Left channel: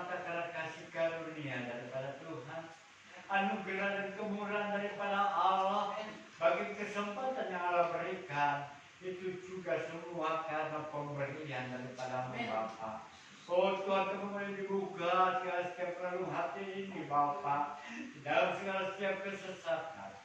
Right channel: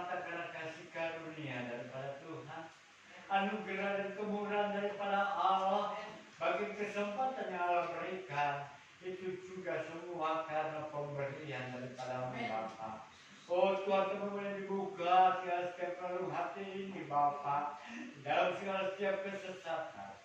semata karena kasih karunia daripada Tuhan, anugerah dan kemurahan daripada Allah, bagi kesempatan yang Allah berikan, itu juga semua karena pemberian daripada Bapa. Oh Tuhan, kami boleh dibuka segala setiap relung hati ini Bapa, di dalam segala setiap kesesatan,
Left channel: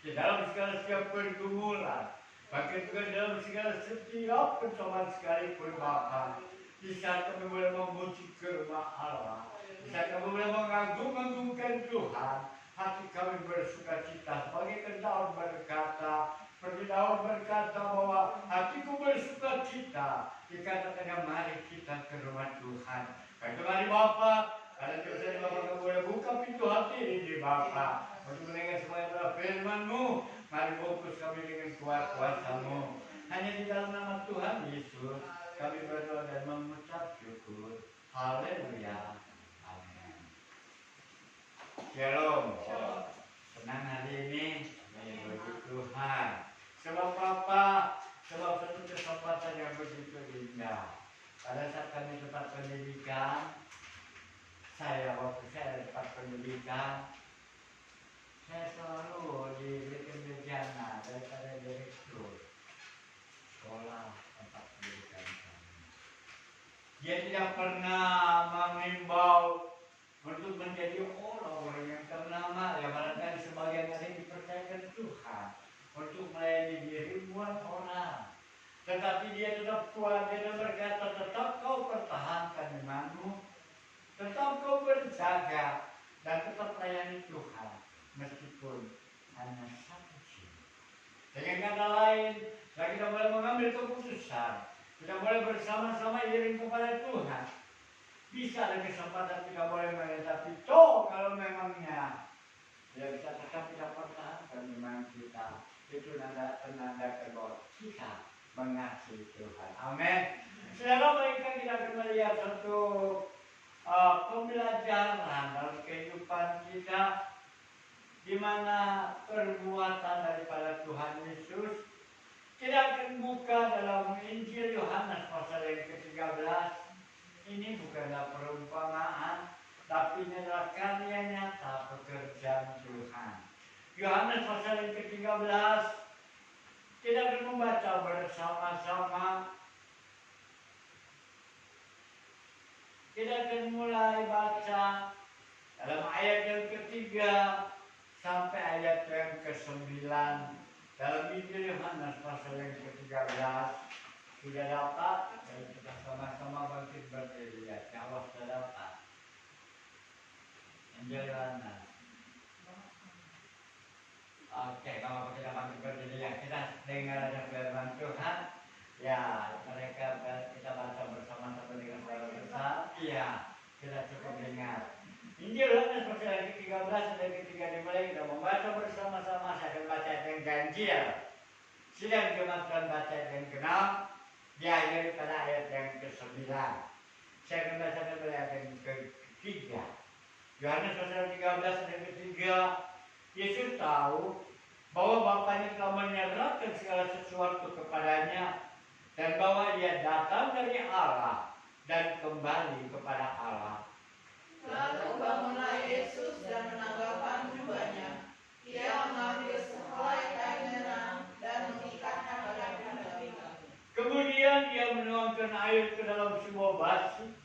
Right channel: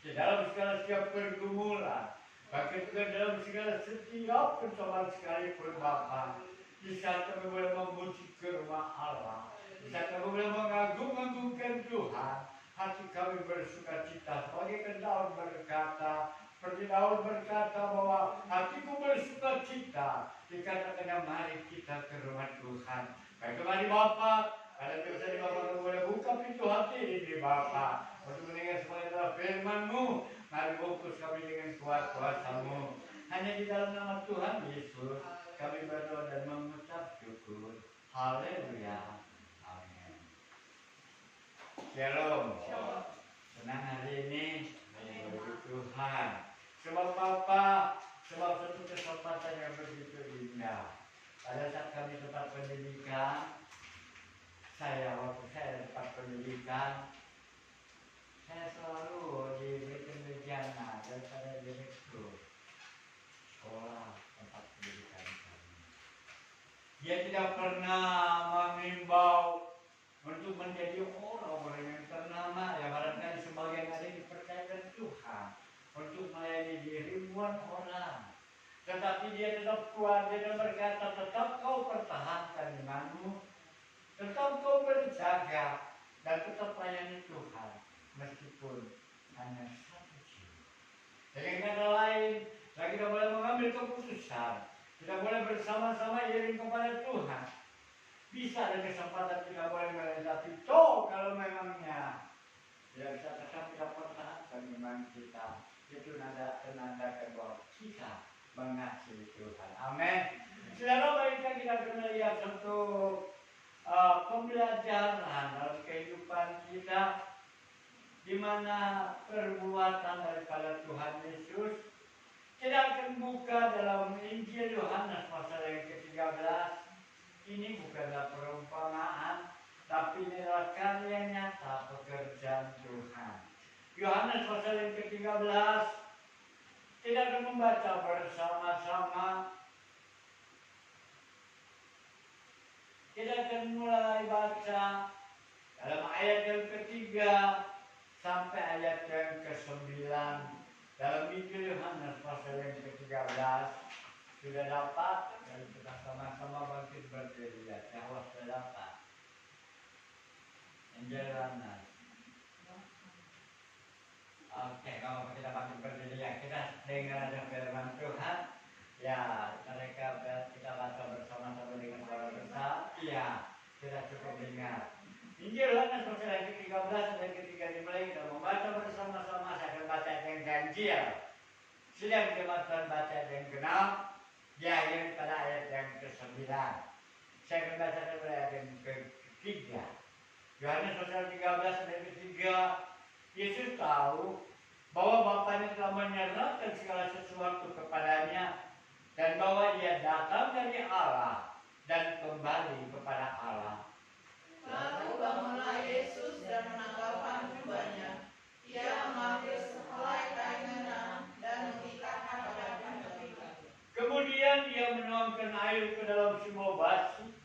di dalam segala setiap pergumulan, bahkan juga dalam segala setiap persoalan sekalipun Bapa. Di saat kami boleh memuji firman Allah, di saat kami boleh mengagung-agungkan Tuhan, hati kami bersuka cita. Sebagai Daud berkata, seperti Daud berkata bahwa hatiku bersuka cita. Dikatakan mari kita ke rumah Tuhan. Baik, mari Bapa, kalau bisa di Bapa kami boleh buka pintu hati ini Bapa, untuk mendengar semua yang telah firman-Mu. Mari fokus kami dengan kuasa-Mu. Hanya di dalam nama Tuhan Yesus kami berdoa dan mengucap syukur. Haleluya. Amin. Shalom. Senang hari ini bagi Tuhan. Sebab Bapa, sebab satu kesempatan yang begitu indah. Pada saat kami tempat pendidikan, waktu saya di tempat pendidikan, saya selalu diberikan bejana daripada direktur sekolah tempat pendidikan kami. Dia tidak pernah mengimbau untuk menjadi orang-orang yang ternama, ya barangkali sebagian ada yang dipercayakan Tuhan untuk melayani di ribuan orang. Tetapi dia tetap kuat, dia berkata, tetap kau pertahankan imanmu, tetap kau berjaga, dan tetap layani Tuhan, meskipun hanya satu jiwa. Dengan kata lain, kita boleh mengambil keputusan, kita boleh bersama-sama iring kepada Tuhan. Bisa ada kesempatan kita boleh menghadapi toh kalau memangnya tidak bisa tetap kita pertahankan iman kita. Itu penanda bahwa kita mengasihi Tuhan. Amin. Saudara, baiklah kita akan melihat satu pembelajaran dalam kehidupan kita, di mana perbuatan daripada Tuhan Yesus. Kita akan buka dalam Injil Yohanes pasal yang ke-13. Ini bukanlah perumpamaan, tapi ini adalah karya nyata pekerjaan Tuhan. Yohanes pasal yang ke-13, kita akan membaca bersama-sama. Kita akan mulai baca dalam ayat yang ke-3 sampai ayat yang ke-9 dalam Injil Yohanes pasal yang ke-13. Sudah dapat? Dan kita sama-sama bangkit berdiri. Ya Allah, sudah dapat. Injil Yohanes. Oke, kalau kita bangkit berdiri, ya kita dengar ada firman Tuhan. Ya, kita baca bersama-sama dengan suara besar. Iya, kita cukup dengar. Injil Yohanes pasal yang ke-13 dan ke-3 dimulai, kita membaca bersama-sama. Saya akan baca yang ganjil. Sedang jemaat baca yang ke-6, diakhiri pada ayat yang ke-9. Saya akan baca pada ayat yang ke-3. Yohanes pasal 13 dan ke-3. Yesus tahu bahwa Bapaknya telah menyerahkan segala sesuatu kepadanya, dan bahwa Ia datang dari Allah dan kembali kepada Allah. Lalu bangunlah Yesus dan menanggalkan jubahnya. Ia mengambil sehelai kain merah dan mengikatnya pada pundak. Kemudian Ia menuangkan air ke dalam sebuah basi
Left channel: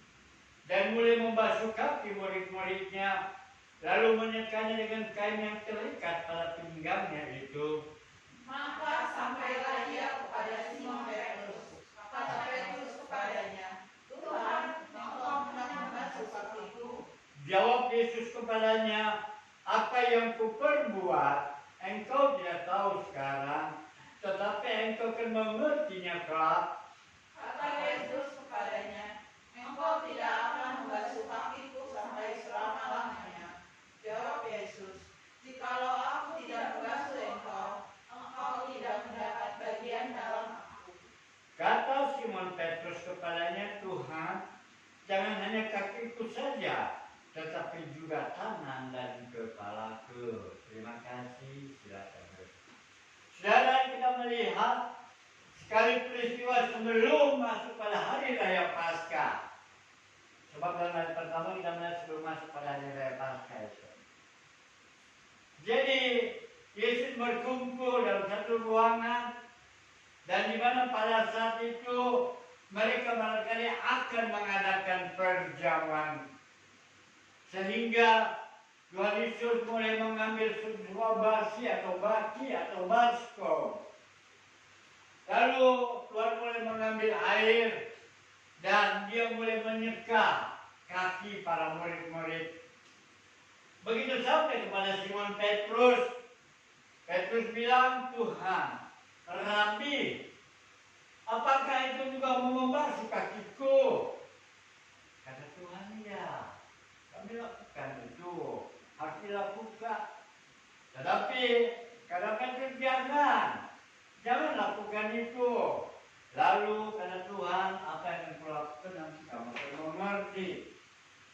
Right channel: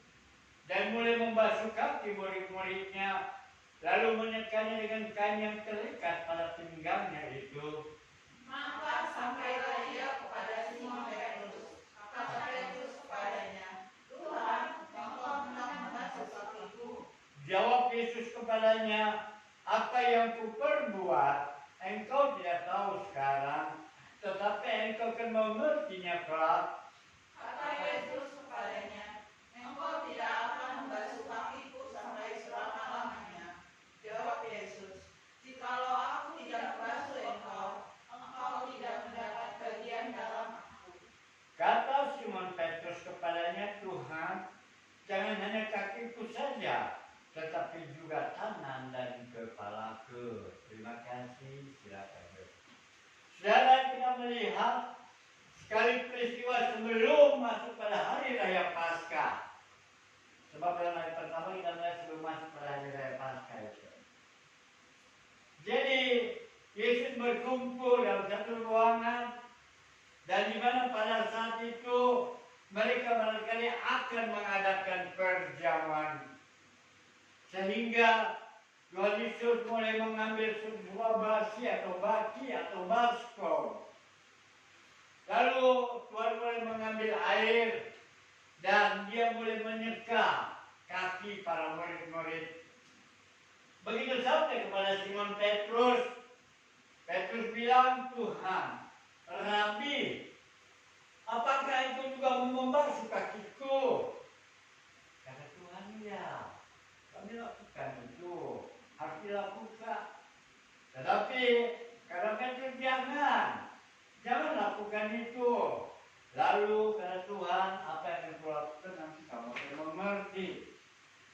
dan mulai membasuh kaki murid-muridnya, lalu menyekanya dengan kain yang terikat pada pinggangnya itu. Maka sampailah Ia kepada Simon Petrus. Kata Petrus kepadanya, Tuhan, Engkau hendak membasuh kakiku? Jawab Yesus kepadanya, apa yang kuperbuat engkau tidak tahu sekarang, tetapi engkau akan mengertinya kelak. Kata Yesus kepadanya, Engkau tidak akan membasuh kakiku sampai selama-lamanya. Jawab Yesus, jikalau aku tidak membasuh engkau, engkau tidak mendapat bagian dalam aku. Kata Simon Petrus kepadanya, Tuhan, jangan hanya kakiku saja, tetapi juga tangan dan kepalaku. Terima kasih, silakan. Saudara, kita melihat sekali peristiwa sebelum masuk pada hari raya Paskah. Sebab dalam hari pertama kita melihat sebelum masuk pada hari raya Paskah itu. Jadi Yesus berkumpul dalam satu ruangan, dan di mana pada saat itu mereka barangkali akan mengadakan perjamuan, sehingga Tuhan Yesus mulai mengambil sebuah baki atau baskom. Lalu Tuhan mulai mengambil air dan dia mulai menyeka kaki para murid-murid. Begitu sampai kepada Simon Petrus, Petrus bilang, Tuhan, Rabi, apakah itu juga mau membasuh kakiku? Kata Tuhan, ya, kami lakukan itu, harus dilakukan. Tetapi kata Petrus, jangan lakukan itu. Lalu kata Tuhan, apa yang akan kulakukan nanti kamu akan mengerti.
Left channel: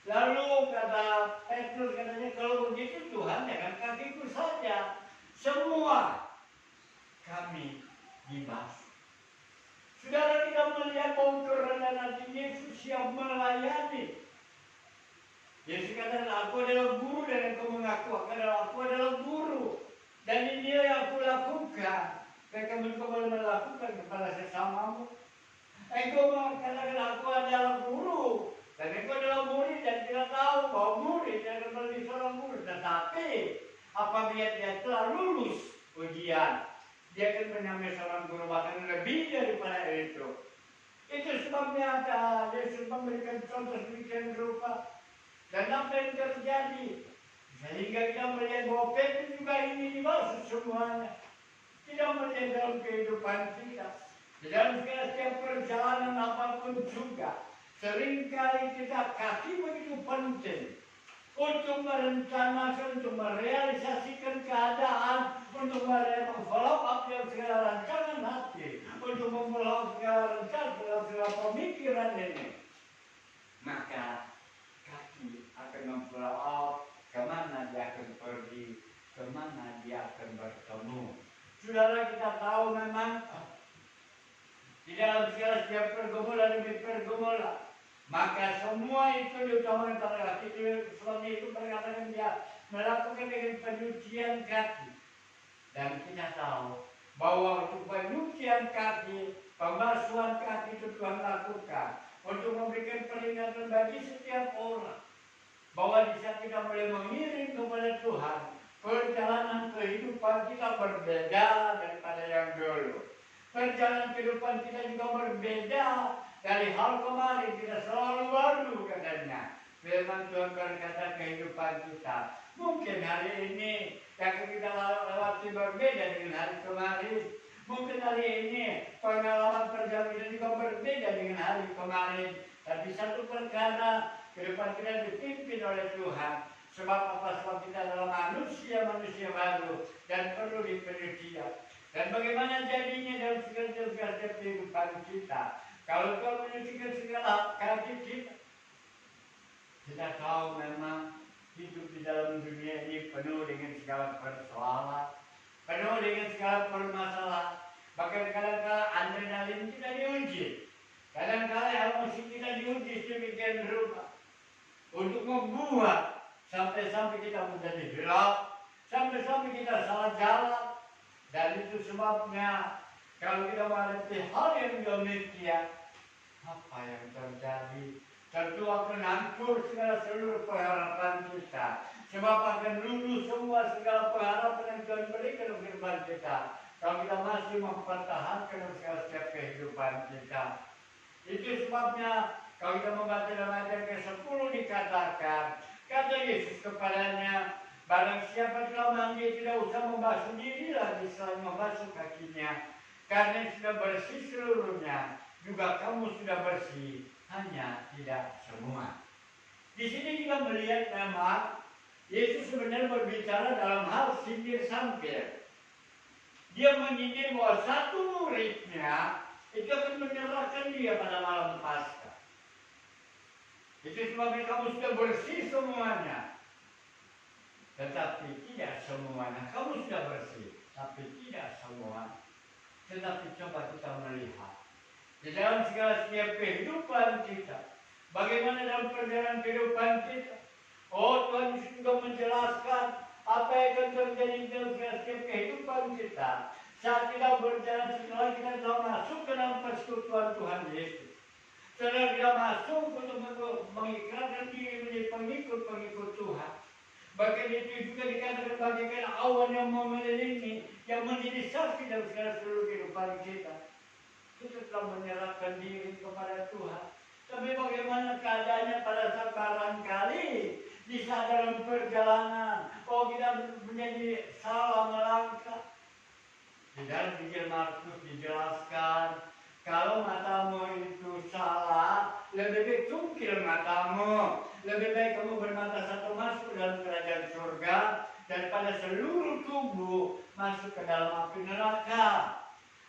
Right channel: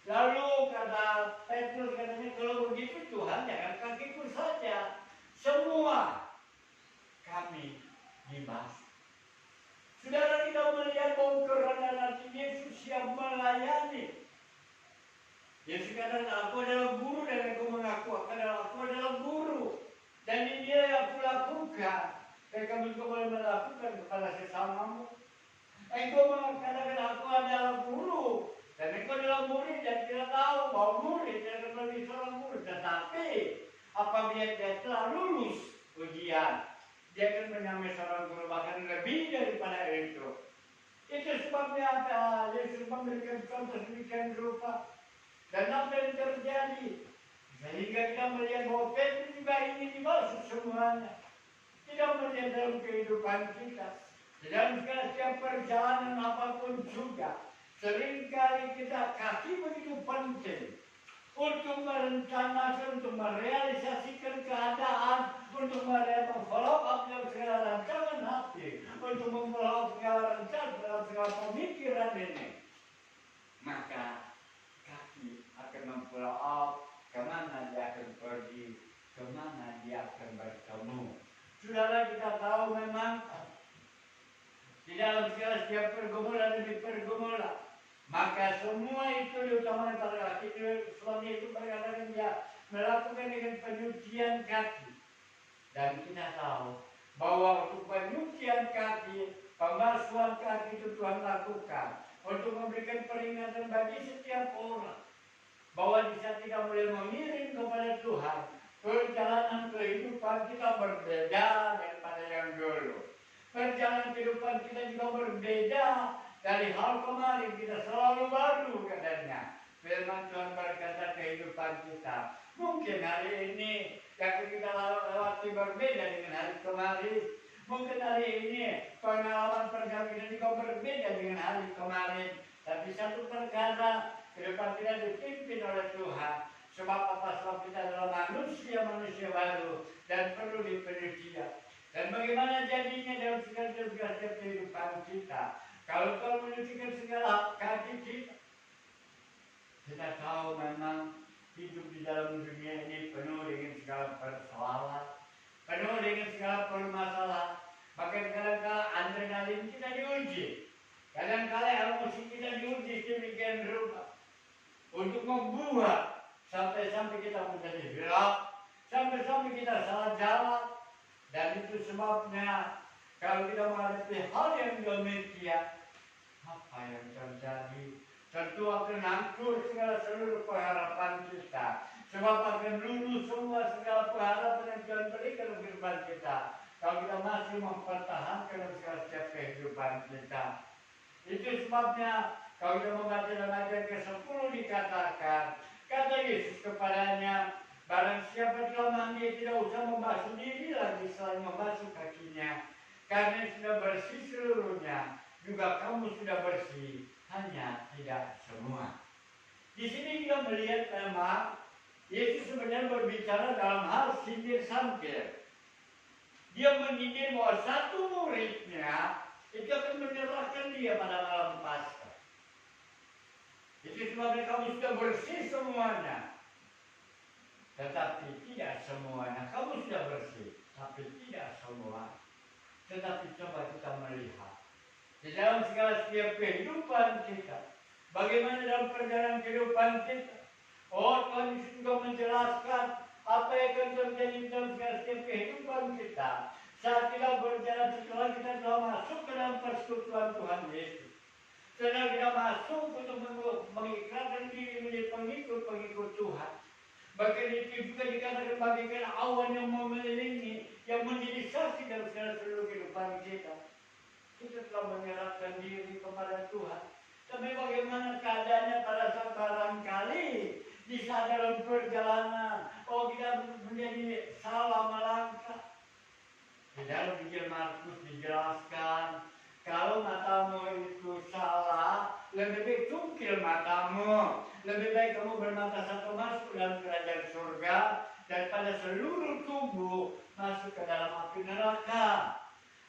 Lalu kata Petrus, katanya, kalau begitu Tuhan, jangan kakiku saja, semua kami dibasuh. Saudara, kita melihat bahwa kerendahan hati Yesus siap melayani. Yesus kata, aku adalah guru dan aku mengaku aku adalah guru. Dan ini yang aku lakukan. Dan kamu juga boleh melakukan kepada sesamamu. Engkau mengatakan aku adalah guru. Dan engkau adalah murid dan kita tahu bahwa murid yang menjadi seorang murid. Tetapi apabila dia telah lulus ujian, dia akan menyamai seorang guru, bahkan lebih daripada itu. Itu sebabnya Yesus memberikan contoh sedemikian rupa. Dan apa yang terjadi? Sehingga kita melihat bahwa Petrus juga ini dibasuh semuanya. Tidak melihat dalam kehidupan kita. Di dalam setiap perjalanan apapun juga. Seringkali kita kaki begitu penting. Untuk merencanakan, untuk merealisasikan keadaan, untuk follow up dalam segala rancangan hati, untuk memfollow segala rancangan dalam segala pemikiran ini. Maka kaki akan memfollow up kemana dia akan pergi, kemana dia akan bertemu. Saudara, kita tahu memang di dalam segala setiap pergumulan demi pergumulan, maka semua itu diutamakan pada kaki. Sebabnya itu berkatakan dia melakukan dengan penyucian kaki. Dan kita tahu bahwa untuk penyucian kaki, pembasuhan kaki itu Tuhan lakukan untuk memberikan peringatan bagi setiap orang bahwa di saat kita mulai mengiring kepada Tuhan, perjalanan kehidupan kita berbeda daripada yang dulu. Perjalanan kehidupan kita juga berbeda dari hal kemarin, kita selalu baru katanya. Firman Tuhan berkata kehidupan kita. Mungkin hari ini yang kita lewati berbeda dengan hari kemarin. Mungkin hari ini pengalaman perjalanan kita juga berbeda dengan hari kemarin. Tapi satu perkara, kehidupan kita dipimpin oleh Tuhan. Sebab apa? Sebab kita adalah manusia baru dan perlu dipenyucian. Dan bagaimana jadinya dalam segala kehidupan kita? Kalau Tuhan menyucikan segala kaki kita tahu memang hidup di dalam dunia ini penuh dengan segala persoalan, penuh dengan segala permasalahan. Bahkan kadang-kadang adrenalin kita diuji, kadang-kadang emosi kita diuji sedemikian rupa untuk membuat sampai-sampai kita menjadi gelap, sampai-sampai kita salah jalan. Dan itu sebabnya kalau kita menghadapi hal yang demikian, apa yang terjadi? Tentu akan hancur segala seluruh pengharapan kita. Sebab akan lulus semua segala pengharapan yang Tuhan berikan dalam kehidupan kita. Kalau kita masih mempertahankan dalam segala setiap kehidupan kita. Itu sebabnya kalau kita membaca dalam ayat ke-10 dikatakan, kata Yesus kepadanya, barang siapa telah mandi tidak usah membasuh diri lagi selain membasuh kakinya. Karena sudah bersih seluruhnya, juga kamu sudah bersih, hanya tidak semua. Di sini kita melihat memang Yesus sebenarnya berbicara dalam hal sindir sampir. Dia menyindir bahwa satu muridnya itu akan menyerahkan dia pada malam Paskah. Itu sebabnya kamu sudah bersih semuanya. Tetapi tidak semuanya. Kamu sudah bersih, tapi tidak semua. Tetapi coba kita melihat di dalam segala setiap kehidupan kita, Bagaimana dalam perjalanan kehidupan kita? Oh, Tuhan Yesus juga menjelaskan apa yang akan terjadi dalam setiap kehidupan kita saat kita berjalan setelah kita telah masuk ke dalam persekutuan Tuhan Yesus. Setelah kita masuk untuk mengikrarkan diri menjadi pengikut-pengikut Tuhan. Bahkan itu juga dikatakan bagaikan awan yang mengelilingi, yang menjadi saksi dalam seluruh kehidupan kita. Kita telah menyerahkan diri kepada Tuhan. Tapi bagaimana keadaannya pada saat barangkali di saat dalam perjalanan, oh kita menjadi salah melangkah. Di dalam Injil Markus dijelaskan, kalau matamu itu salah, lebih baik cungkil matamu. Lebih baik kamu bermata satu masuk dalam kerajaan surga daripada seluruh tubuh masuk ke dalam api neraka.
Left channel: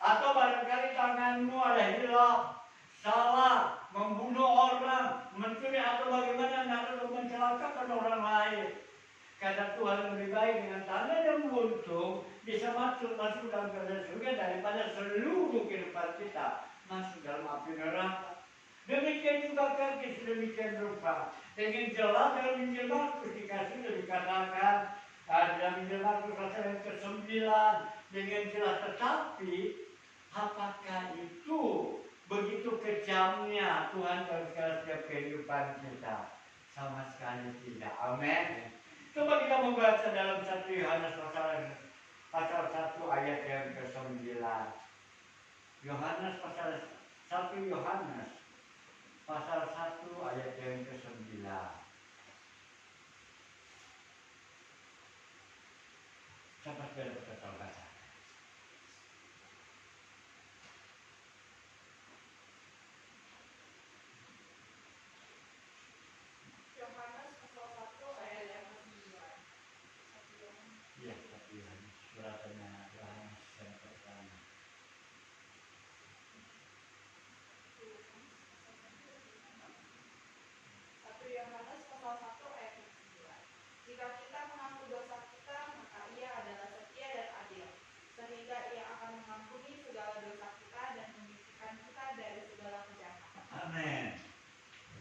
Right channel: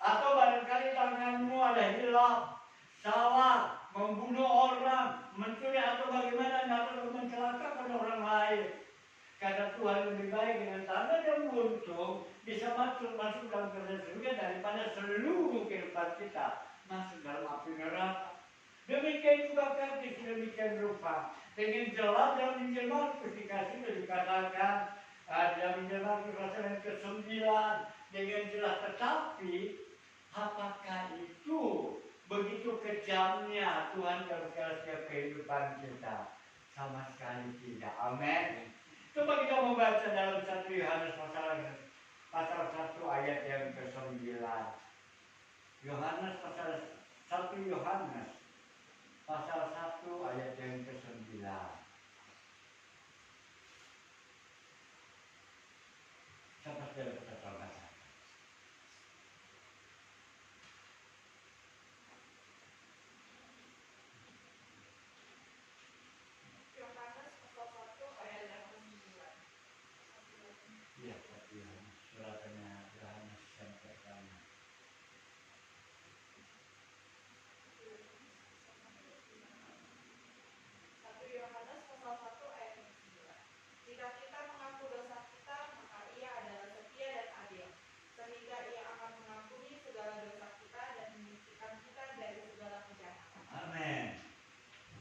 Atau barangkali tanganmu ada hilaf, salah, membunuh orang, mencuri atau bagaimana atau mencelakakan orang lain. Kata Tuhan, lebih baik dengan tangan yang buntung bisa masuk dalam kerajaan surga daripada seluruh kehidupan kita masuk dalam api neraka. Demikian juga kami sedemikian rupa. Dengan jelas dalam Injil Markus dikatakan dalam Injil Markus pasal yang ke-9 dengan jelas, tetapi apakah itu begitu kejamnya Tuhan dalam setiap kehidupan kita? Sama sekali tidak. Amin. Coba kita membaca dalam 1 Yohanes pasal 1 ayat yang ke-9. Yohanes pasal 1 Yohanes pasal 1 ayat yang ke-9. Siapa sudah dapat terbaca? Yohanes pasal 1 ayat yang ke-9. Iya, suratnya Yohanes yang pertama. Yohanes pasal 1 ayat yang ke-9. Jika kita mengaku dosa kita, maka Ia adalah setia dan adil, sehingga Ia akan mengampuni segala dosa kita dan menyucikan kita dari segala kejahatan. Amin.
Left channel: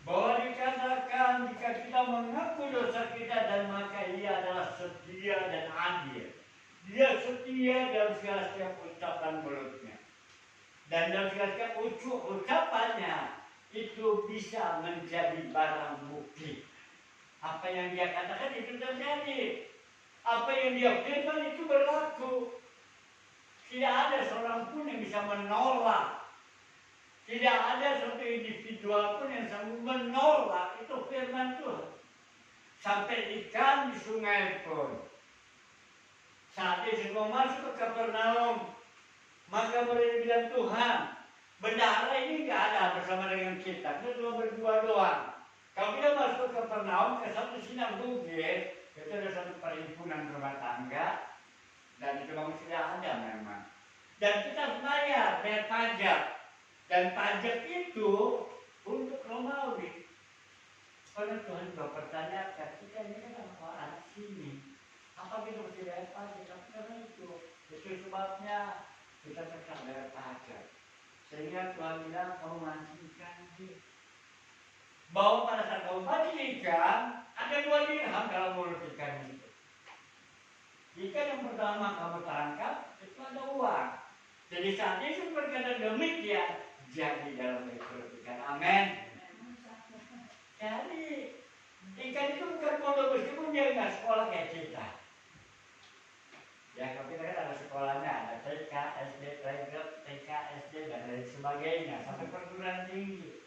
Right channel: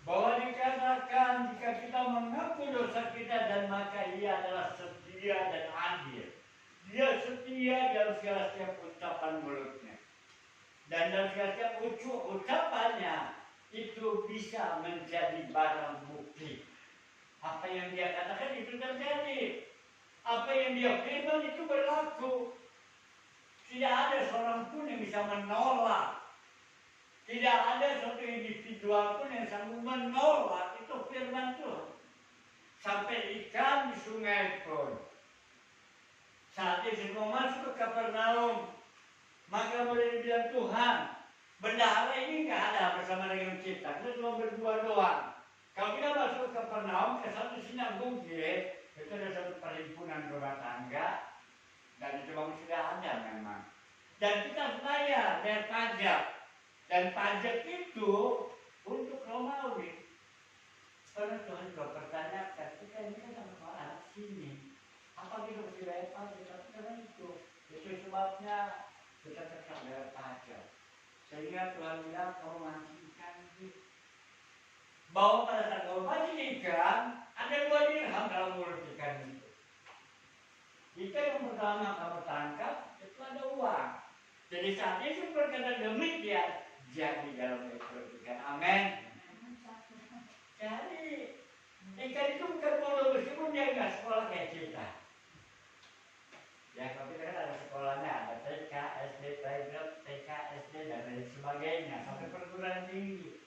Bahwa dikatakan jika kita mengaku dosa kita dan maka Ia adalah setia dan adil. Dia setia dalam segala setiap ucapan mulutnya. Dan dalam segala setiap ucapannya itu bisa menjadi barang bukti. Apa yang dia katakan itu terjadi. Apa yang dia firman itu berlaku. Tidak ada seorang pun yang bisa menolak. Tidak ada satu individual pun yang sanggup menolak itu firman Tuhan. Sampai ikan di sungai pun. Saat Yesus mau masuk ke Kapernaum, maka boleh dibilang Tuhan, bendahara ini nggak ada bersama dengan kita cuma berdua doang. Kalau kita masuk ke Kapernaum, ke satu sinagoge, itu ada satu perhimpunan rumah tangga, dan itu memang sudah ada memang. Dan kita harus bayar pajak. Dan pajak itu untuk Romawi. Karena Tuhan juga pertanyakan, kita ini kan orang sini. Apa kita mesti bayar pajak? Tapi karena itu sebabnya kita tetap bayar pajak. Sehingga Tuhan bilang, kamu mancingkan dia. Bahwa pada saat kamu mancing ikan, ada 2 dirham dalam mulut ikan itu. Ikan yang pertama kamu tangkap, itu ada uang. Jadi saat Yesus berkata demikian, jadi dalam perut ikan. Amin. Jadi ikan itu bukan bodoh meskipun dia nggak sekolah kayak kita. Ya kalau kita kan ada sekolahnya, ada TK, SD, playground, TK, SD dan lain sebagainya sampai perguruan tinggi.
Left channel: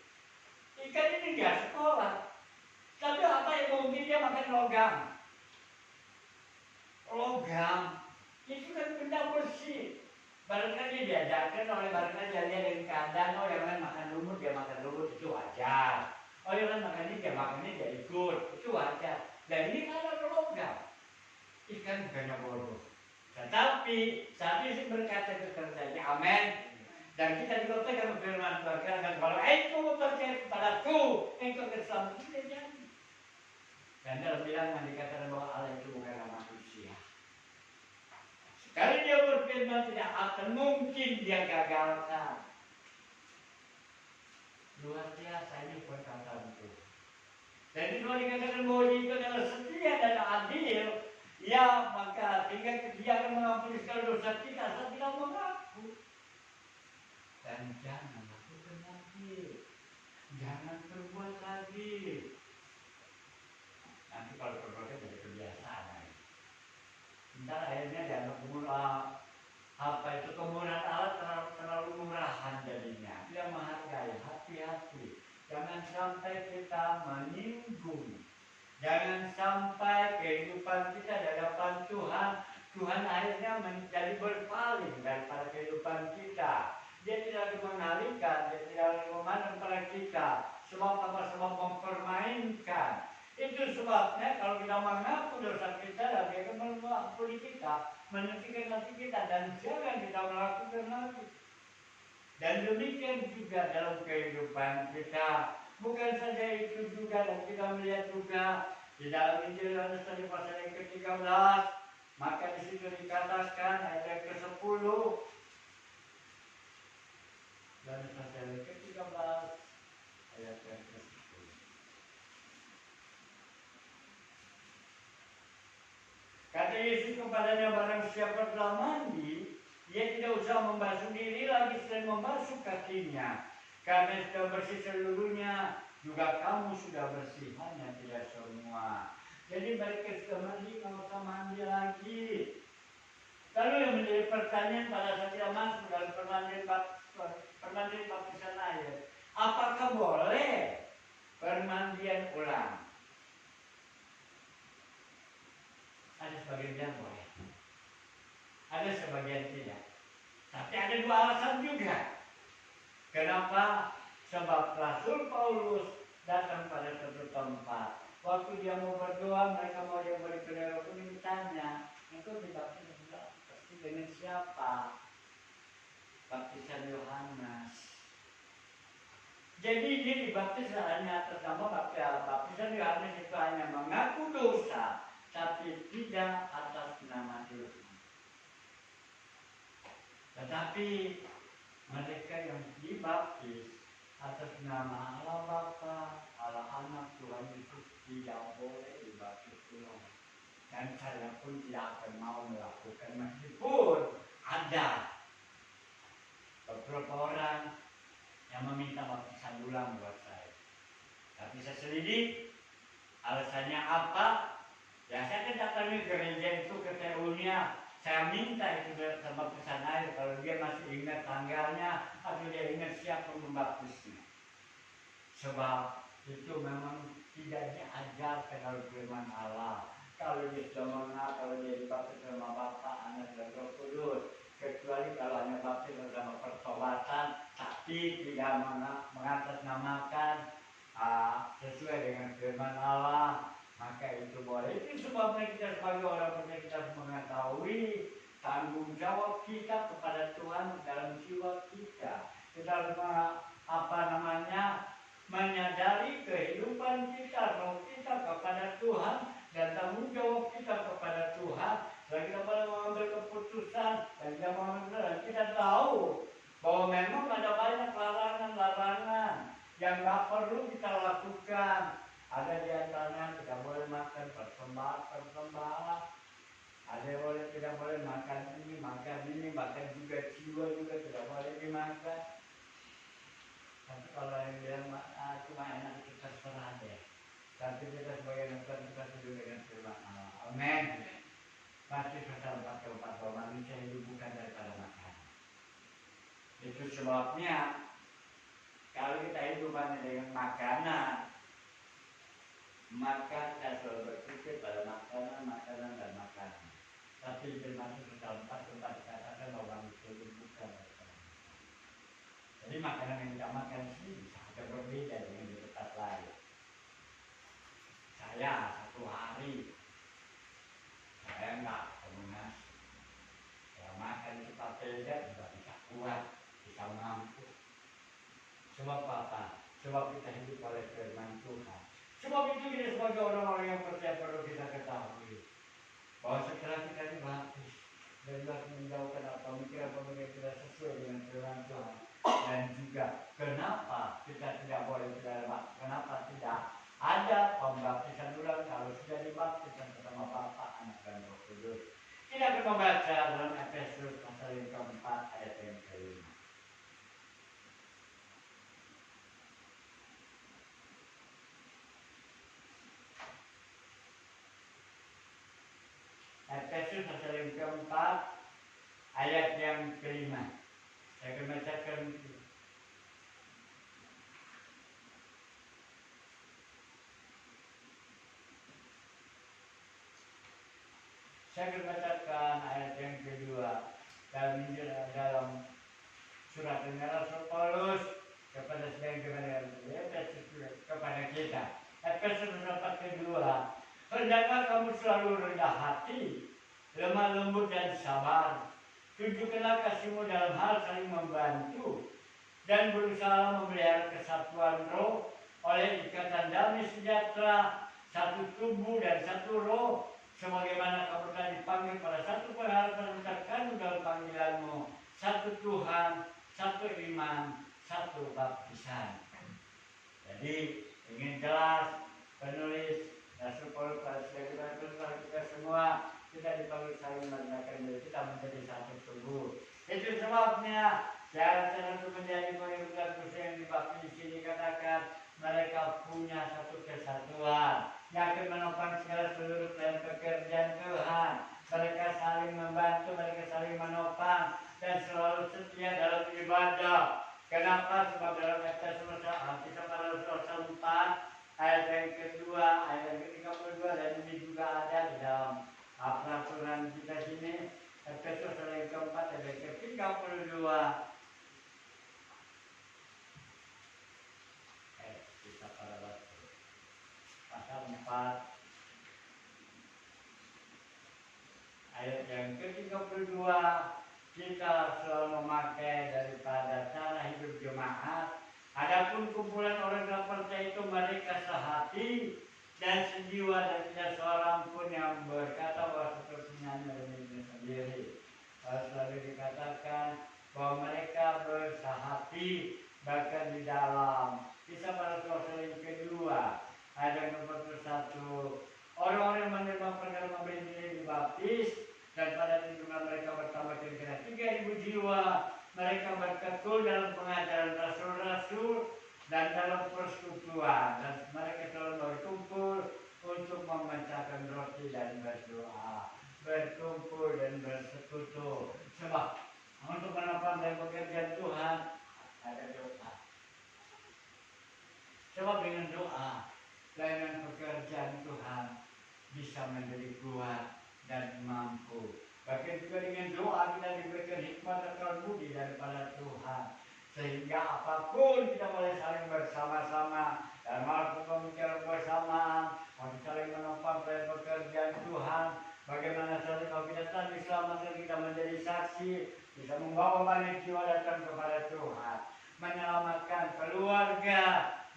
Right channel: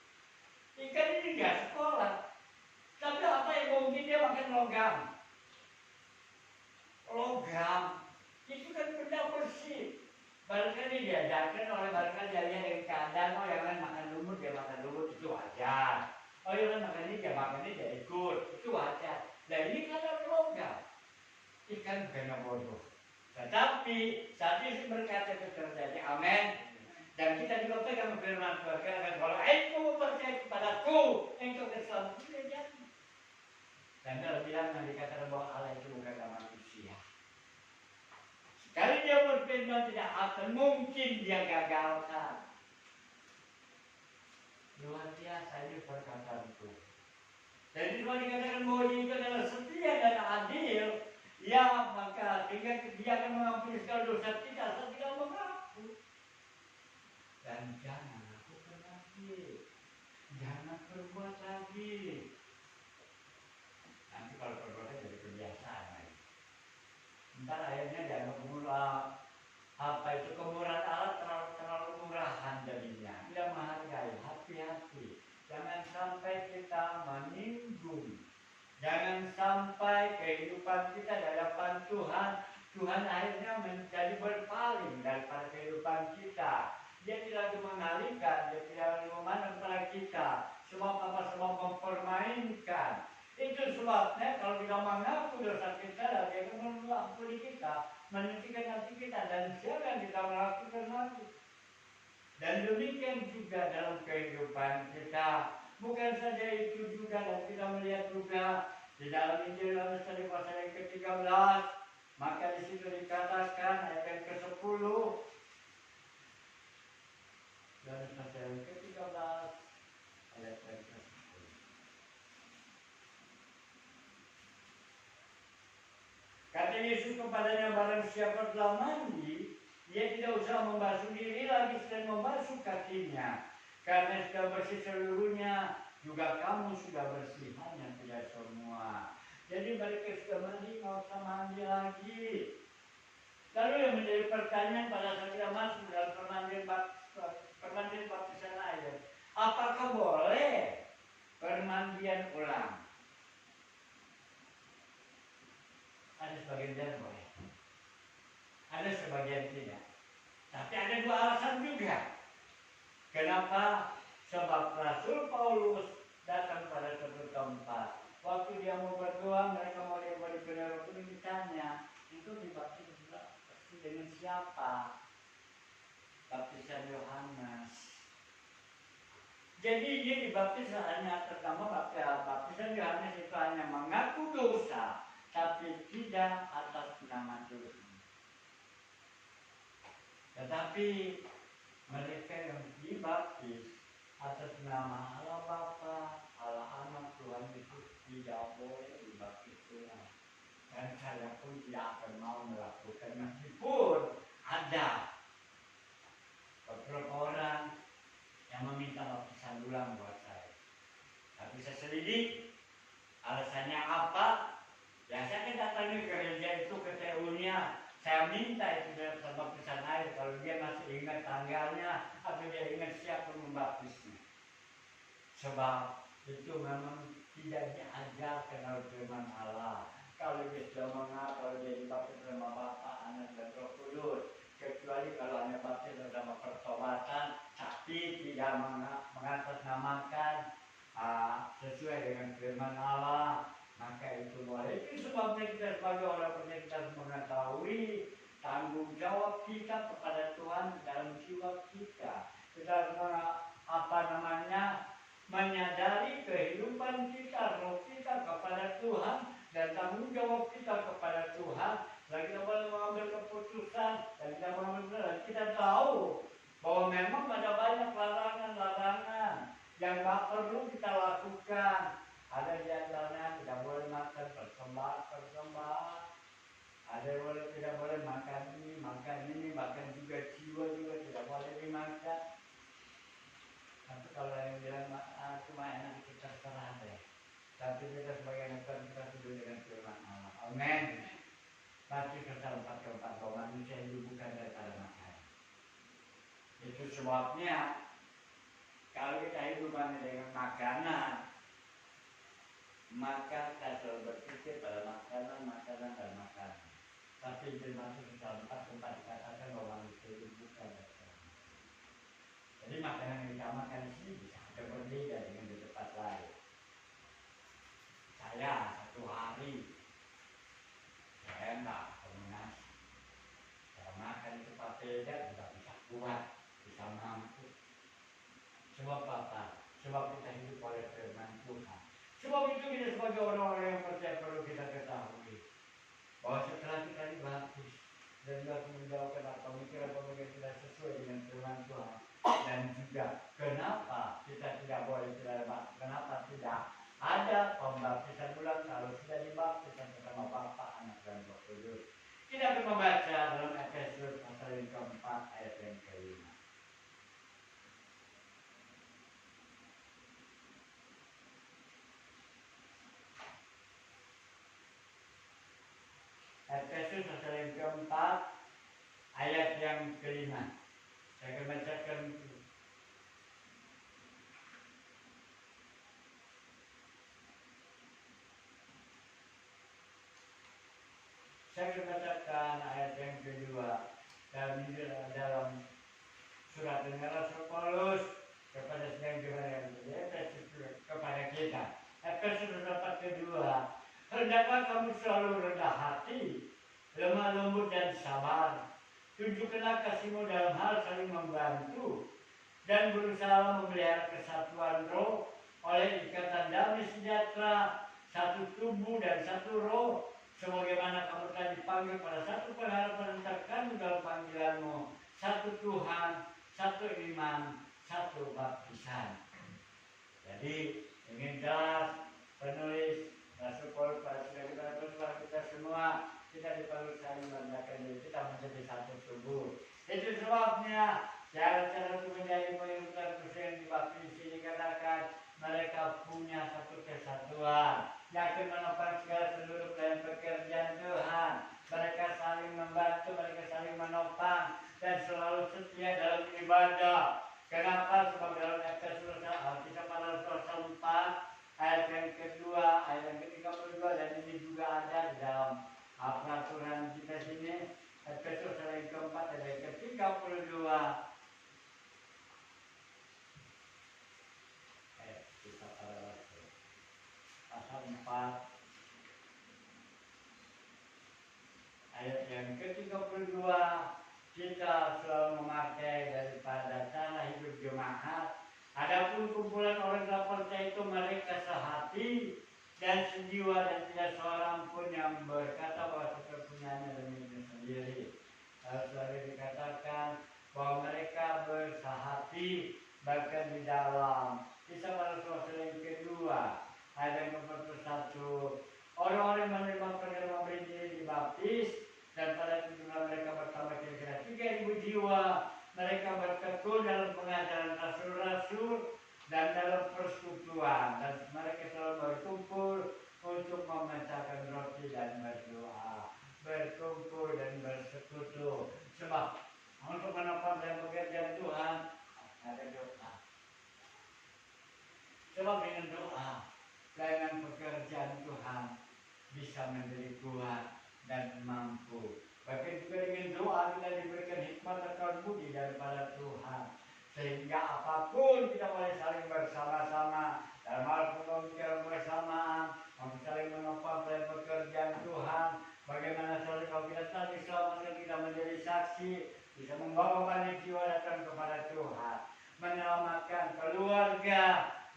Ikan ini nggak sekolah, tapi apa yang mungkin dia makan logam. Logam itu kan benda bersih. Barangkali diajarkan oleh barangkali dia dari keadaan, oh yang lain makan lumut, dia makan lumut, itu wajar. Oh yang lain makan ini, dia makan ini, dia ikut, itu wajar. Dan ini kan ada logam. Ikan bukannya bodoh. Tetapi saat ini berkata itu terjadi, amin. Dan kita juga pegang firman Tuhan, kalau engkau percaya kepadaku, engkau akan selamat. Tidak jadi. Dan dalam bilangan dikatakan bahwa Allah itu bukanlah manusia. Sekali dia berfirman tidak akan mungkin dia gagalkan. Luar biasa ini perkataan Tuhan. Jadi kalau dikatakan bahwa dia itu adalah setia dan adil, ya maka tinggal dia akan mengampuni segala dosa kita asal kita mengaku. Dan jangan lakukan lagi, jangan berbuat lagi. Nanti kalau berbuat jadi kebiasaan. Ntar akhirnya dianggap apa itu kemurahan Allah terlalu murahan jadinya. Tidak menghargai, hati-hati. Jangan sampai kita menyinggung. Jangan sampai kehidupan kita di hadapan Tuhan, Tuhan akhirnya menjadi berpaling daripada kehidupan kita. Dia tidak lagi mengalihkan, dia tidak lagi memandang kepada kita. Sebab apa? Sebab mempermainkan. Itu sebabnya kalau kita mengaku dosa kita, dan dia akan mengampuni kita, menyucikan hati kita, dan jangan kita melakukan lagi. Dan demikian juga dalam kehidupan kita. Bukan saja itu juga, dan kita melihat juga di dalam Injil Yohanes tadi pasal yang ke-13, maka di situ dikatakan ayat yang ke-10, Yohanes pasal yang ke-13 ayat yang ke-10. Kata Yesus kepadanya, barang siapa telah mandi, dia tidak usah membasuh diri lagi selain membasuh kakinya. Karena sudah bersih seluruhnya, juga kamu sudah bersih, hanya tidak semua. Jadi mereka sudah mandi, nggak usah mandi lagi. Lalu yang menjadi pertanyaan pada saat kita masuk dalam permandian baptisan air, apakah boleh permandian ulang? Ada sebagian boleh, ada sebagian tidak. Tapi ada dua alasan juga. Kenapa? Sebab Rasul Paulus datang pada satu tempat. Waktu dia mau berdoa, mereka mau dia beri pendera itu ditanya, engkau dibaptis dengan siapa? Baptisan Yohanes. Jadi dia dibaptis hanya atas nama baptisan Yohanes itu hanya mengaku dosa, tapi tidak atas nama Tuhan. Tetapi mereka yang dibaptis atas nama Allah Bapa, Allah Anak, Tuhan Yesus tidak boleh dibaptis ulang. Dan saya pun tidak akan mau melakukan, meskipun ada beberapa orang yang meminta baptisan ulang buat saya. Tapi saya selidik alasannya apa. Yang saya datangi gereja itu ke TU-nya, saya minta itu sama baptisan air kalau dia masih ingat tanggalnya atau dia ingat siapa membaptisnya. Sebab itu memang tidak diajarkan oleh firman Allah. Kalau dia sudah mengenal, kalau dia dibaptis sama Bapa, Anak, dan Roh Kudus, kecuali kalau hanya baptis bersama pertobatan, tapi tidak mengatasnamakan sesuai dengan firman Allah, maka itu boleh. Itu sebabnya kita sebagai orang percaya kita harus mengetahui tanggung jawab kita kepada Tuhan dalam jiwa kita. Kita harus menyadari kehidupan kita, roh kita kepada Tuhan, dan tanggung jawab kita kepada Tuhan. Dan kita mengambil keputusan, dan kita tahu bahwa memang ada banyak larangan-larangan yang tak perlu kita lakukan. Ada di antaranya tidak boleh makan persembahan, ada yang tidak boleh makan ini, bahkan juga jiwa juga tidak boleh dimakan. Tapi kalau yang bilang cuma enak kita terserah deh. Tapi kita sebagai manusia kita hidup dengan firman Allah. Amin. Matius pasal 4 bahwa manusia hidup bukan daripada makan. Itu sebabnya kalau kita hidup dengan makanan, maka kita selalu berpikir pada makanan dan makanan. Tapi di Matius pasal 4 dikatakan bahwa manusia hidup bukan daripada makan. Jadi makanan yang kita makan di sini bisa ada berbeda dengan di tempat lain. Saya satu hari saya enggak ketemu nasi. Saya makan di tempat beda juga bisa kuat, bisa mampu. Sebab apa? Sebab kita hidup oleh firman Tuhan. Sebab itu kita sebagai orang-orang yang percaya perlu kita ketahui bahwa setelah kita dibaptis dan juga menjauhkan pemikiran-pemikiran tidak sesuai dengan firman Tuhan, Dan juga kenapa kita tidak boleh tidak, kenapa tidak ada pembaptisan ulang kalau sudah dibaptisan bersama Bapa, Anak dan Roh Kudus. Kita akan membaca dalam Efesus pasal yang keempat ayat yang kelima. Efesus pasal yang keempat ayat yang kelima. Saya akan bacakan. Saya akan bacakan ayat yang kedua dalam surat Rasul Paulus kepada sedang Efesus kepada kita. Efesus pasal kedua. Hendaklah kamu selalu rendah hati, lemah lembut dan sabar. Tunjukkanlah kasihmu dalam hal saling membantu dan berusaha memelihara kesatuan roh oleh ikatan damai sejahtera, satu tubuh dan satu roh, sebagaimana kamu telah dipanggil pada satu pengharapan terkandung dalam panggilanmu, satu Tuhan, satu iman, satu baptisan. Jadi ingin jelas penulis Rasul Paulus pada kita semua, kita dipanggil saling merendahkan diri, kita menjadi satu tubuh. Itu sebabnya cara-cara untuk menjadi pengikut Kristus yang dibaptis di sini katakan mereka punya satu kesatuan yang akan menopang segala seluruh pelayan pekerjaan Tuhan. Mereka saling membantu, mereka saling menopang dan selalu setia dalam ibadah. Kenapa? Sebab dalam Efesus kisah para Rasul 4 ayat yang kedua, ayat yang ke-32 dan ini juga ada di dalam peraturan kita sini. Efesus ayat yang keempat ayat yang ke-32. Kisah para Rasul pasal 4 ayat yang ke-32. Kita selalu memakai daripada cara hidup jemaat. Adapun kumpulan orang yang percaya itu mereka sehati dan sejiwa dan tidak seorang pun yang berkata bahwa kepunyaannya demi sendiri. Selalu dikatakan bahwa mereka bersehati bahkan di dalam kisah para rasul yang kedua ayat yang ke-41. Orang-orang yang menerima perkara memberi diri dibaptis dan pada itu jumlah mereka bertambah kira-kira 3.000 jiwa. Mereka bertekun dalam pengajaran rasul-rasul dan dalam persekutuan, dan mereka selalu berkumpul untuk memecahkan roti dan berdoa, berkumpul dan bersekutu. Sebab untuk menopang dan pekerjaan Tuhan ada doa. Sebab dengan doa dengan pekerjaan Tuhan bisa menjadi kuat dan mampu. Bahkan juga dengan doa kita diberikan hikmat dan budi daripada Tuhan, sehingga apapun kita boleh saling bersama-sama dalam hal pembicaraan bersamaan untuk saling menopang dari pekerjaan Tuhan. Bagaimana saudara kalau kita tadi selama kita menjadi saksi, bisa membawa banyak jiwa datang kepada Tuhan, menyelamatkan keluarga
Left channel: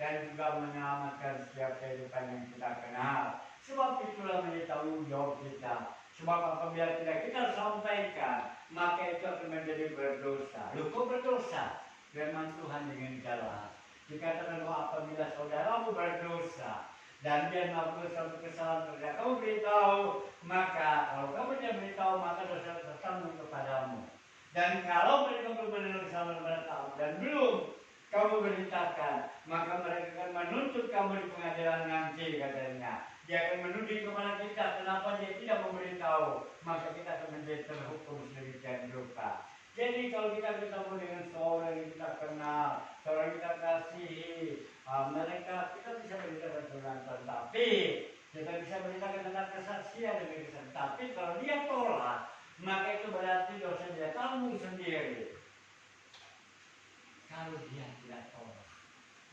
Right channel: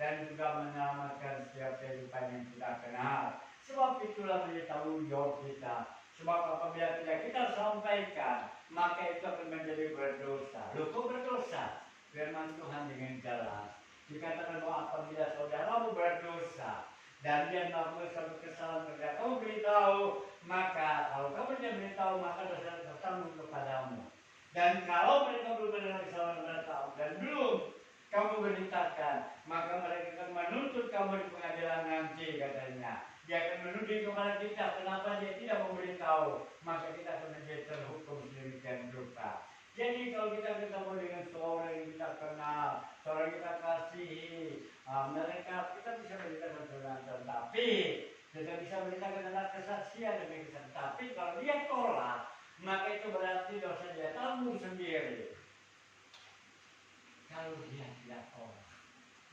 dan juga menyelamatkan setiap kehidupan yang kita kenal. Sebab itulah menjadi tanggung jawab kita. Sebab apabila tidak kita sampaikan, maka itu akan menjadi berdosa. Loh, kok berdosa? Firman Tuhan dengan jelas dikatakan bahwa apabila saudaramu berdosa dan dia melakukan suatu kesalahan terhadap kamu beritahu, maka kalau kamu tidak beritahu, maka dosa tanggung kepadamu. Dan kalau mereka belum mendengar kesalahan kepada kamu dan belum kamu beritakan, maka mereka akan menuntut kamu di pengadilan nanti, katanya. Dia akan menuding kepada kita, kenapa dia tidak memberitahu, maka kita akan menjadi terhukum sedemikian rupa. Jadi kalau kita ketemu dengan seorang yang kita kenal, seorang yang kita kasihi, mereka kita bisa beritakan tentang, tapi kita bisa beritakan tentang kesaksian demi kesaksian. Tapi kalau dia tolak, maka itu berarti dosa dia tanggung sendiri. Kalau dia tidak tolak,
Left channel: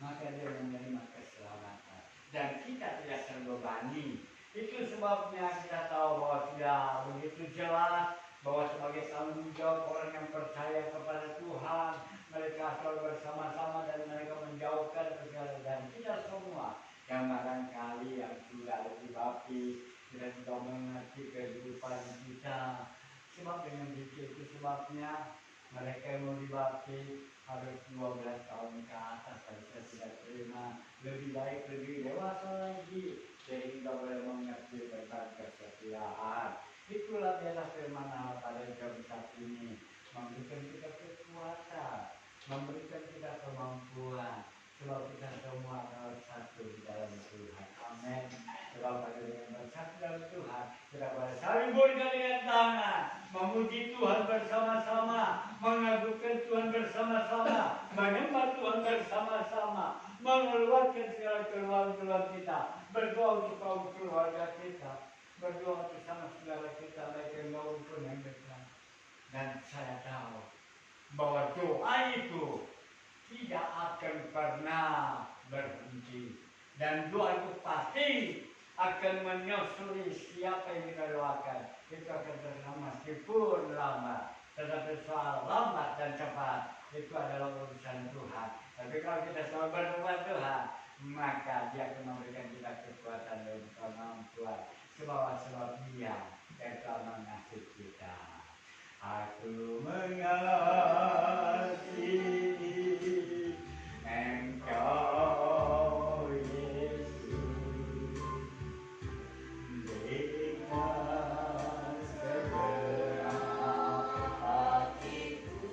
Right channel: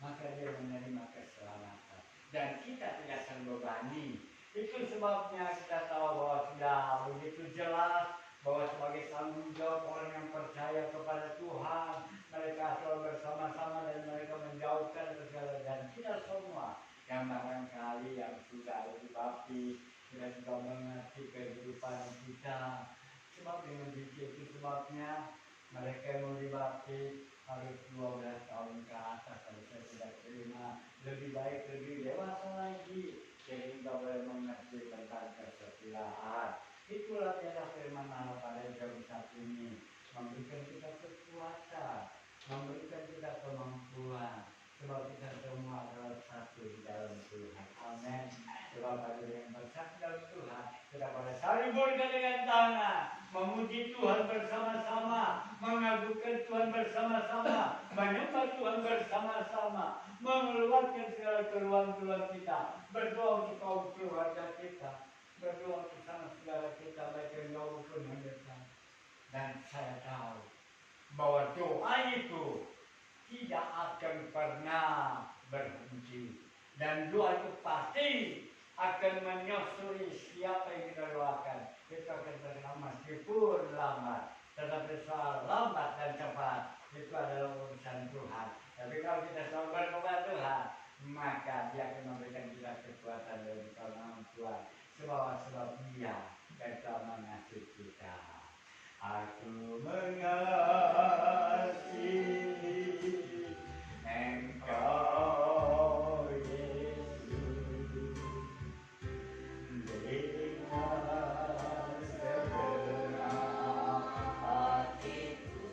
maka dia menerima keselamatan dan kita tidak terbebani. Itu sebabnya kita tahu bahwa sudah begitu jelas bahwa sebagai tanggung jawab orang yang percaya kepada Tuhan, mereka selalu bersama-sama dan mereka menjauhkan segala, dan kita semua yang barangkali yang sudah ada dibaptis, kita juga mengerti kehidupan kita. Sebab dengan itu sebabnya Mereka yang mau dibaptis harus 12 tahun ke atas, kalau saya tidak terima. Lebih baik, lebih dewasa lagi, sehingga boleh mengerti tentang kesetiaan. Itulah biasa firman Allah pada jam saat ini, memberikan kita kekuatan, memberikan kita kemampuan, sebab kita semua adalah satu di dalam Tuhan. Amin. Sebab pada dengan bersatu dalam Tuhan, kita boleh saling bergandengan tangan, memuji Tuhan bersama-sama, mengagungkan Tuhan bersama-sama, menyembah Tuhan bersama-sama, mengeluarkan segala keluhan-keluhan kita, berdoa untuk kaum keluarga kita, berdoa bersama saudara kita, mereka yang baru pun yang dekat. Dan saya tahu bahwa doa itu tidak akan pernah berhenti, dan doa itu pasti akan menyusuri siapa yang kita doakan. Itu akan terjadi meskipun lambat, tetapi soal lambat dan cepat itu adalah urusan Tuhan. Tapi kalau kita selalu berdoa Tuhan, maka Dia akan memberikan kita kekuatan dan kemampuan. Sebab Dia yang telah mengasihi kita. Aku mengasihi Engkau Yesus, dengan segenap hatiku.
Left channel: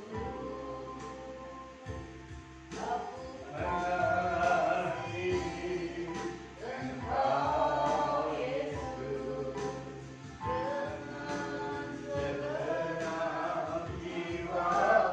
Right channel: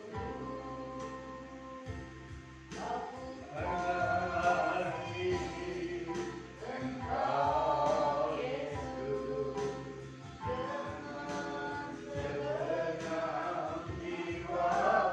Aku mengasihi Engkau Yesus, dengan segenap jiwa.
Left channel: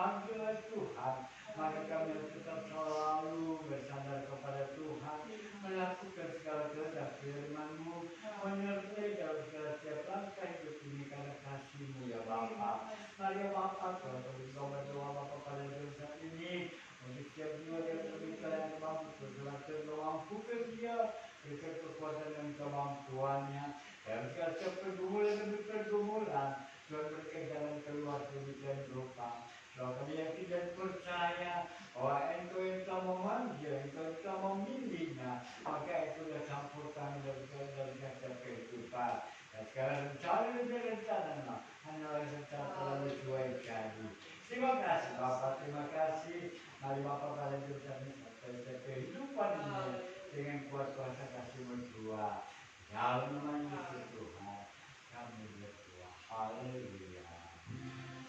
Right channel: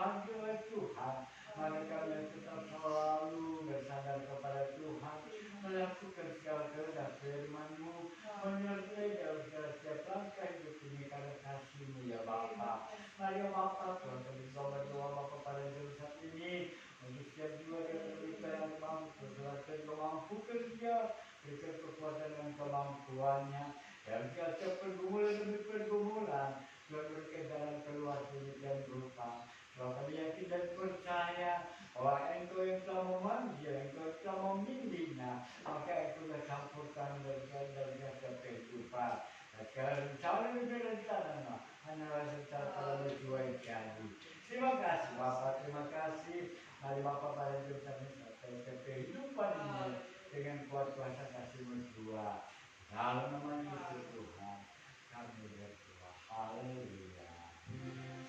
panggil Tuhan. Maka kami tetap selalu bersandar kepada Tuhan, melakukan segala kehendak firman-Mu, menyertai dalam segala setiap langkah hidup ini karena kasih-Mu ya Bapa. Mari ya Bapa, Tuhan berdoa Bapa pada jam saat ini untuk setiap jiwa yang terluka yang mampu, silakan mampukan dia, berikan kekuatan dan kemampuannya. Dalam segala setiap pergumulan demi pergumulan, Tuhan berikan jalan keluar demikian rupa. Kalau kami yakin dan percaya bahwa Engkau yang telah memanggil, Engkau yang telah membimbingnya, maka Engkau telah campur tangan dalam setiap kehidupan. Dan sekarang rencana lebih rencana, hanyalah rencana terlalu jua jadi. Terima kasih Bapak, terima kasih. Mari Bapak pada jurusan setiap kehidupan ini dengan kuat kuasa kasih-Mu jua. Dalam nama Yesus Tuhan, kami berdoa. Haleluya.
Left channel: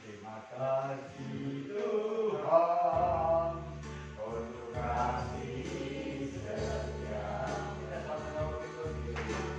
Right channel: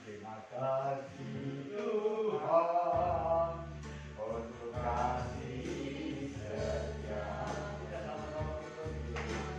Terima kasih Tuhan untuk kasih setia. Kita sama-sama berdoa.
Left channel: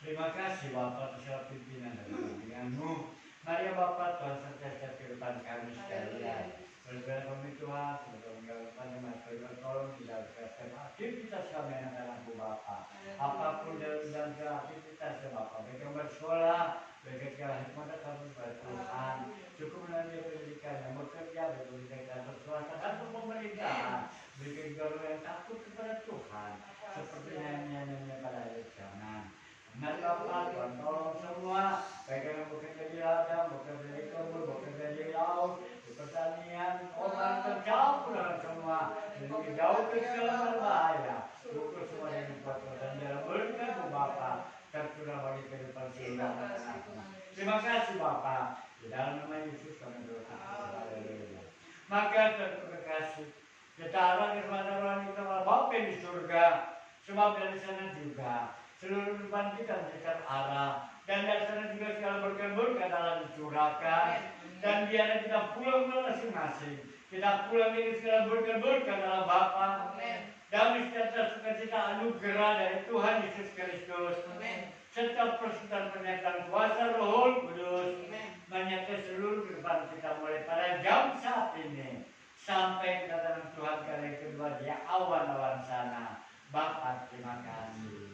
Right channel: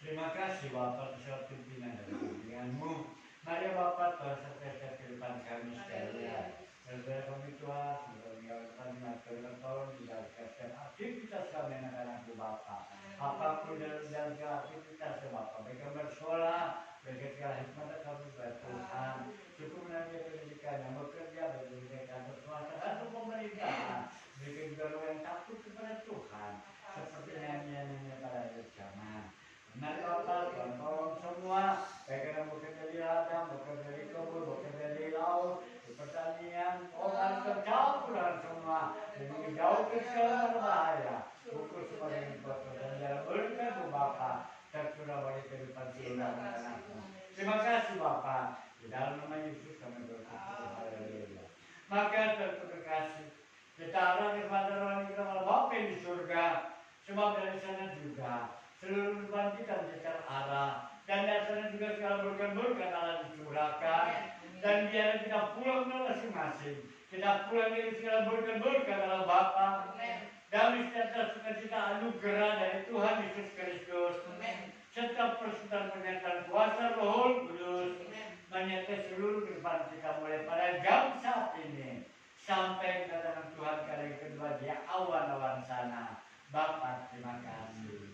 Terima kasih Bapak atas pimpinan dan bimbingan-Mu. Mari ya Bapak Tuhan sertai kehidupan kami sekalian. Berbeda kami Tuhan, semoga kami masih tolong dijaga aktivitas kami anak-anakku Bapak. Apapun dalam jaga aktivitas Bapak, baik yang bersekolah, baik segala hikmat kami kepada Tuhan. Cukup nanti pendidikan yang bekerja, pendidikan bersuara tergantung pemerintahan. Berikan juga yang takut kepada Tuhan, seperti nyanyian-nyanyian pada akhir zaman. Mari Bapak, Tuhan tolong semua, baik yang bekerja di ladang, bekerja di kebun, bekerja di laut, di pertanian, orang tercampur dengan semua, jadi jauh ke segala berbahaya. Ukur semua dengan pekerjaan dalam berkat Bapak, tercurah bagi kehidupan seluruh anak-anakmu. Terima kasih Bapak, di dalam nama Yesus kami bersyukur. Haleluya. Maka terima kasih, kita arah kepada roh kita Bapa di surga, sebab dari sana juga seluruh kehidupan kita menjadikan arah, dan dari sana juga segala berkat-berkat Allah dicurahkan, dan biarlah kita pulang masing-masing, kita pulang dengan segala berkat-berkat Allah Bapa, damai sejahtera sukacita anugerah dari Tuhan Yesus Kristus, serta persekutuan penyertaan kuasa Roh Kudus menyertai seluruh kehidupan kita mulai pada jam saat ini sampai kedatangan Tuhan kali kedua di awan-awan sana. Bapa, terima kasih.